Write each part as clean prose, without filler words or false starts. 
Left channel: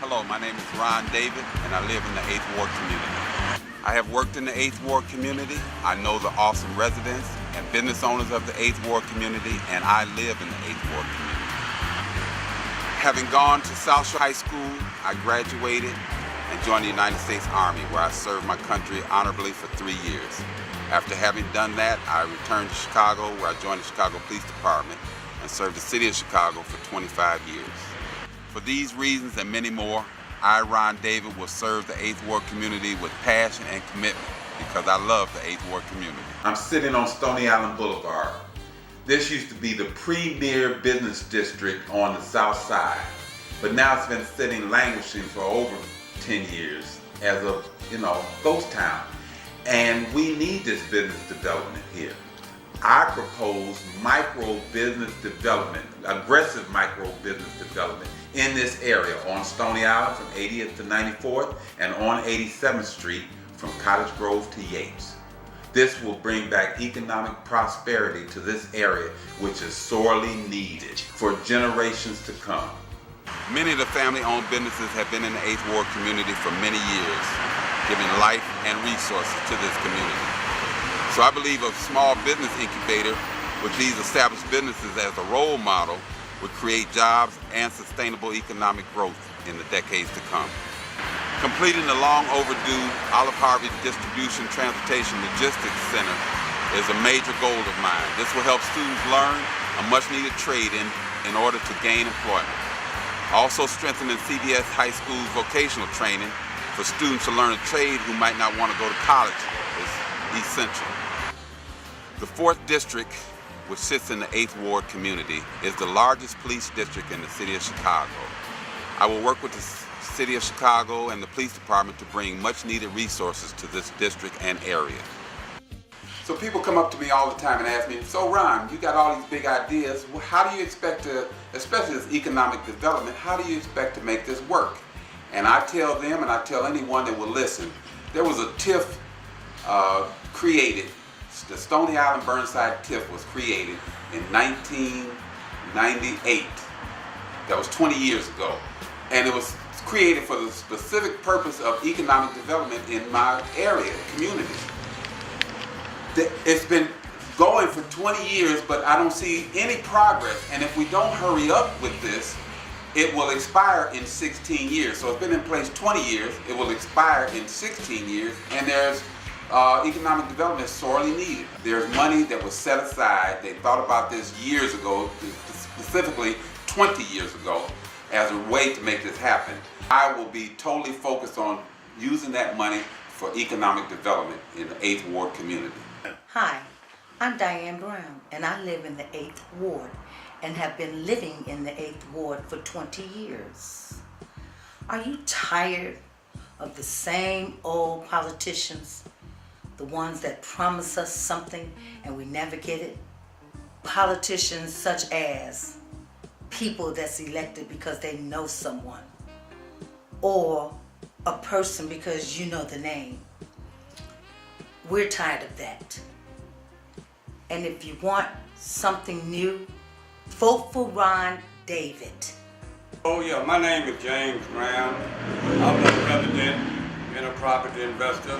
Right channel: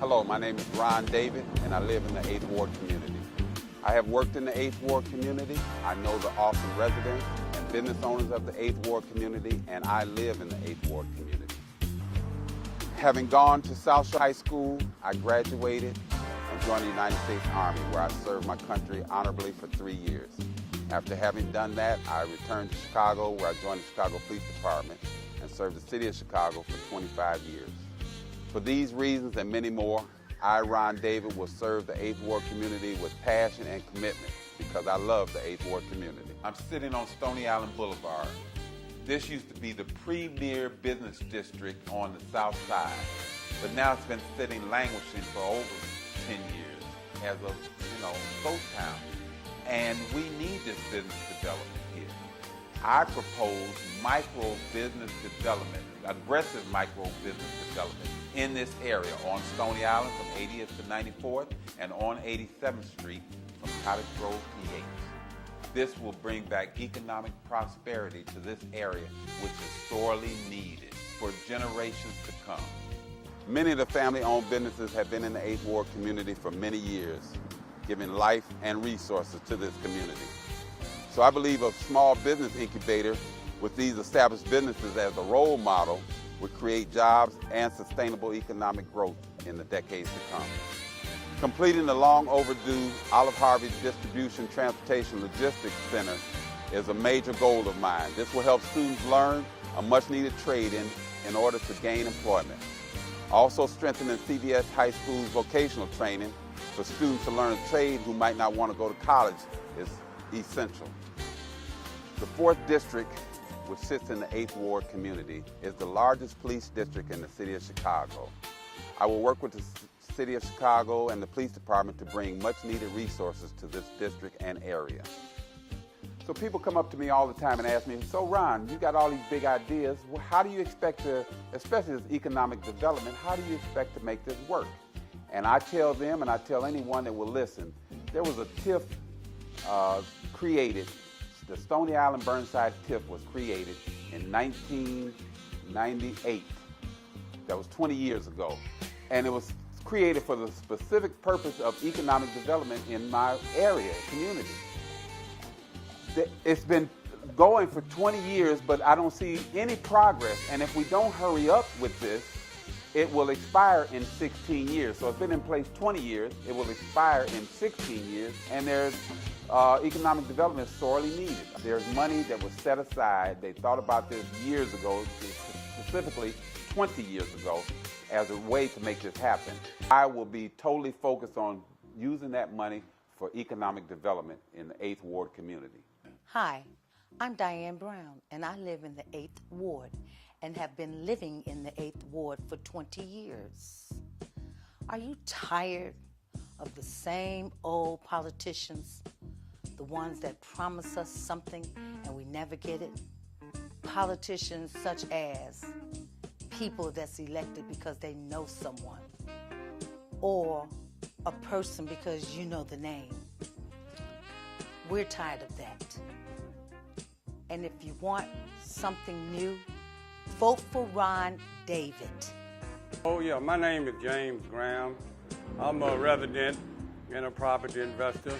Hello, my name is Ron David, and I live in the 8th Ward community. I have worked in the 8th Ward community. I know the awesome residents and business owners of the 8th Ward community, and I live in the 8th Ward community. Having gone to South Shore High School, I graduated and joined the United States Army, where I served my country honorably for 3 years. After having done that, I returned to Chicago, where I joined the Chicago Police Department and served the city of Chicago for 25 years. For these reasons and many more, I, Ron David, will serve the 8th Ward community with passion and commitment because I love the 8th Ward community. I'm sitting on Stony Island Boulevard. This used to be the premier business district on the south side, but now it's been sitting languishing for over 10 years as a, ghost town. And we need this business development here. I propose micro business development, aggressive micro business development in this area on Stony Island from 80th to 94th and on 87th Street from Cottage Grove to Yates. This will bring back economic prosperity to this area, which is sorely needed for generations to come. Many of the family-owned businesses have been in the 8th Ward community for many years, giving life and resources to this community. So I believe a small business incubator with these established businesses as a role model would create jobs and sustainable economic growth in the decades to come. Completing the long overdue Olive Harvey Distribution Transportation Logistics Center is a major goal of mine. This will help students learn a much needed trade in order to gain employment. Also strengthening CBS High School's vocational training for students to learn a trade who might not want to go to college is essential. The 4th District, which sits in the 8th Ward community, is the largest police district in the city of Chicago. I will work with the city of Chicago and the police department to bring much needed resources to this district and area. So people come up to me all the time and ask me, so Ron, you got all these big ideas, how do you expect to, especially this economic development, how do you expect to make this work? And I tell them, and I tell anyone that will listen, there was a TIF created. The Stony Island Burnside TIF was created in 1998. That was 20 years ago. And it was created for the specific purpose of economic development in my area, community. It's been going for 20 years, but I don't see any progress. And if we don't hurry up with this, it will expire in 16 years. So it's been in place 20 years, it will expire in 16 years, and there's economic development is sorely needed. There's money that was set aside. They thought about this years ago, specifically 20 years ago, as a way to make this happen. I will be totally focused on using that money for economic development in the 8th Ward community. Hi, I'm Diane Brown, and I live in the 8th Ward and have been living in the 8th Ward for 20 years. Are you tired of the same old politicians? The ones that promise us something and we never get it? Politicians such as people that's elected because they know someone, or a person because you know the name. We're tired of that. And if you want something new, vote for Ron David. Oh yeah, my name is James Brown. I'm a resident and a property investor.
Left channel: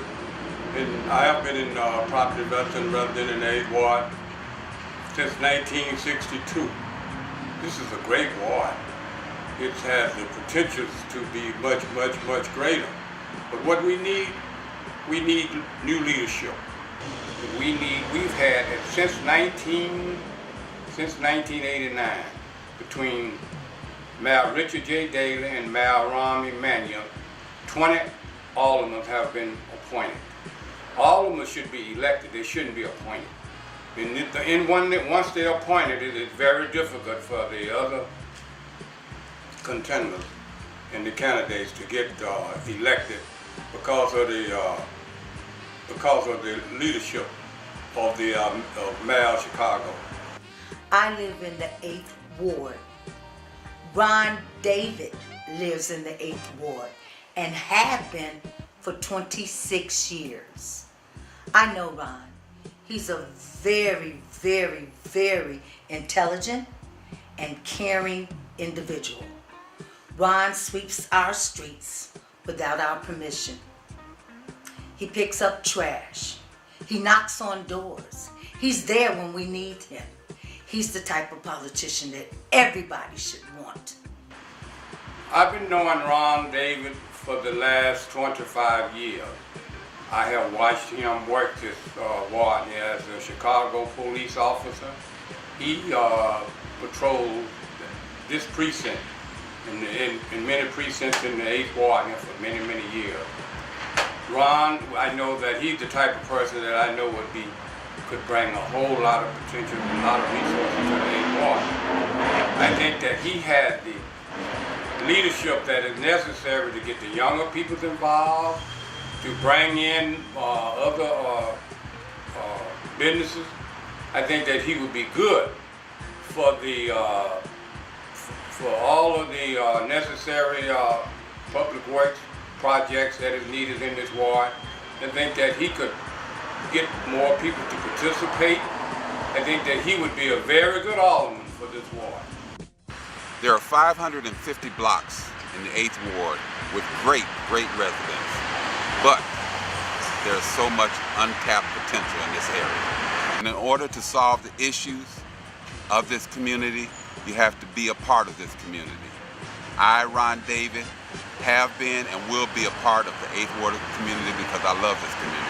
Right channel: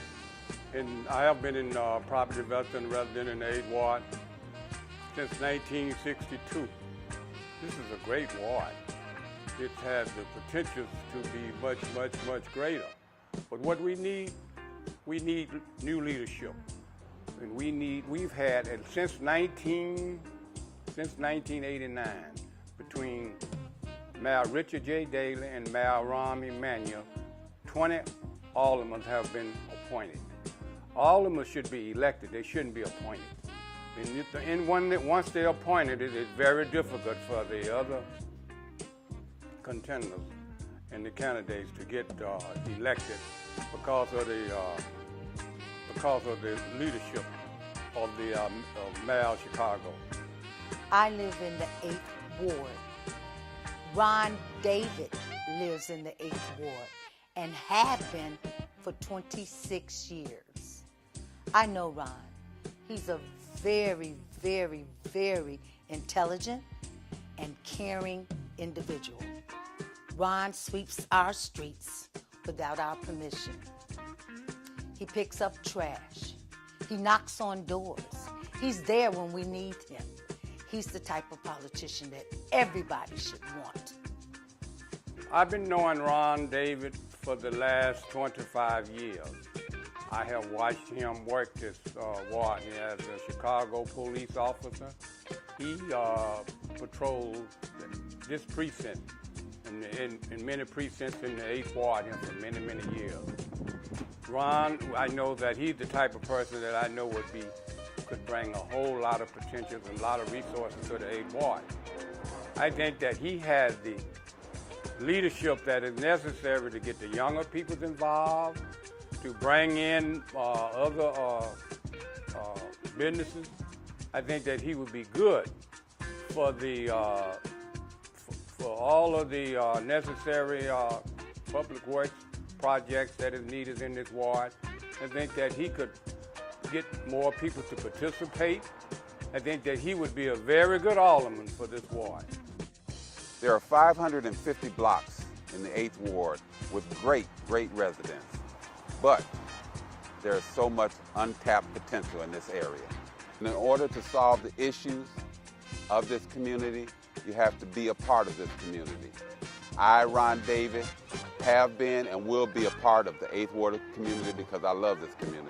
And I have been in property investing resident in the 8th Ward since 1962. This is a great ward. It has the potential to be much, much, much greater. But what we need new leadership. We've had it since 1989 between Mayor Richard J. Daley and Mayor Rahm Emanuel. 20 aldermen have been appointed. Aldermen should be elected, they shouldn't be appointed. Once they're appointed, it is very difficult for the other contenders and the candidates to get elected because of the leadership of the Mayor of Chicago. I live in the 8th Ward. Ron David lives in the 8th Ward and have been for 26 years. I know Ron. He's a very, very, very intelligent and caring individual. Ron sweeps our streets without our permission. He picks up trash. He knocks on doors. He's there when we need him. He's the type of politician that everybody should want. I've been knowing Ron David for the last 25 years. I have watched him work this ward as a Chicago police officer. He patrolled this precinct in many precincts in the 8th Ward for many, many years. Ron, I know that he's the type of person that I know could bring a whole lot of potential and a lot of resources to the 8th Ward. I think that he had the leadership that is necessary to get the younger people involved, to bring in other businesses. I think that he would be good for all of the necessary public works projects that is needed in this ward. I think that he could get more people to participate. I think that he would be a very good alderman for this ward. There are 550 blocks in the 8th Ward with great residents, but there's so much untapped potential in this area. And in order to solve the issues of this community, you have to be a part of this community. I, Ron David, have been and will be a part of the 8th Ward community because I love this community.